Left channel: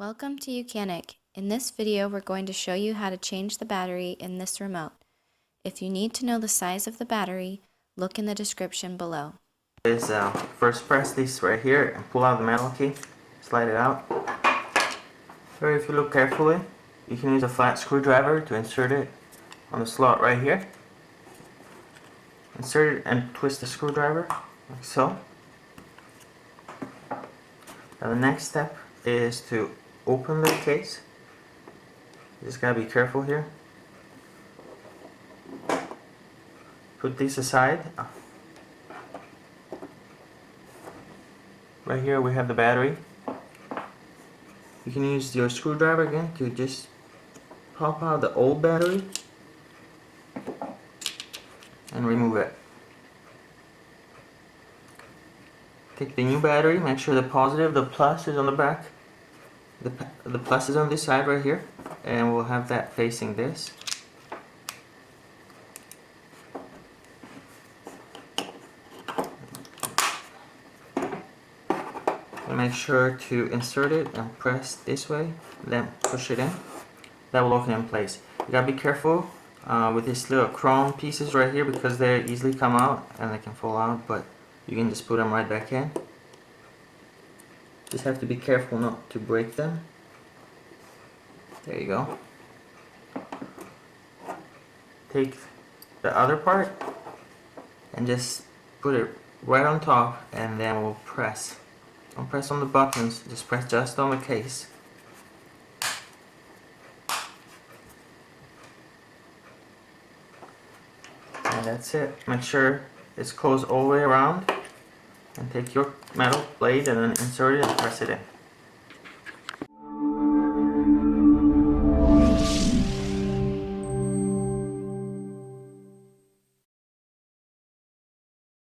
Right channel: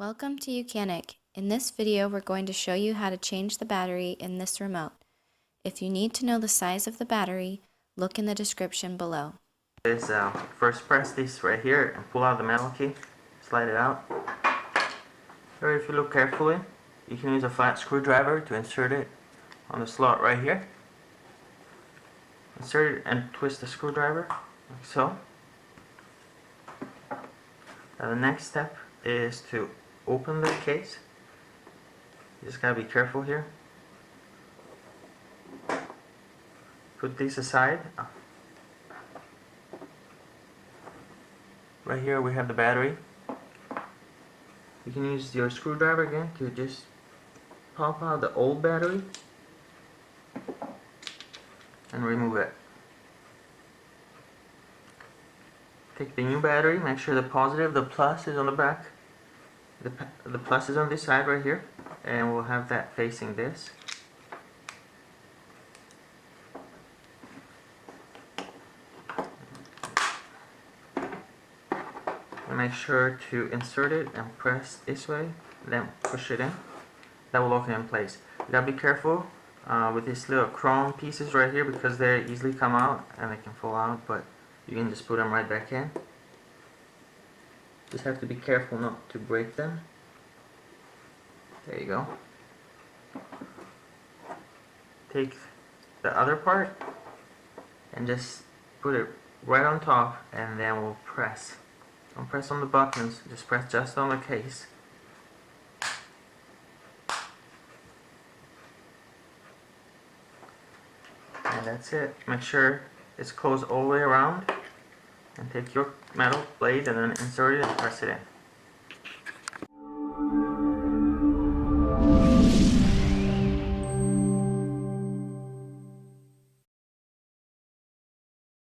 Welcome to YOUCANIC. In this video, we're going to show you how to change the battery in this remote. If you need to know the size of the battery, look in the description below. First press this right here and pull out the metal key, slide it out. Or if you look carefully, you can use a flat screwdriver to insert it on the slot right here. Insert it and twist the screwdriver like so. The next step is to open the case. You just gotta be careful here. Put this aside. Right here we have the battery. You can use your screwdriver again to just pop out the old battery and remove it. Take the new battery, make sure the positive, the plus is on the back. The plus is on this side right here, and we'll have that facing this. And make sure to insert it and press this way, then push it in. That will lock it in place. You gotta be careful with these little chrome pieces right here because they easily come out and they can fall out, but you can just put them right back in. Just have to be careful not to break them. There you go. Take the other part and just put it right on top, and then we'll press. Don't press on the buttons, just press just on the case. And that's it. Make sure it's closed all the way around. And take your metal blade and then insert it and press it in.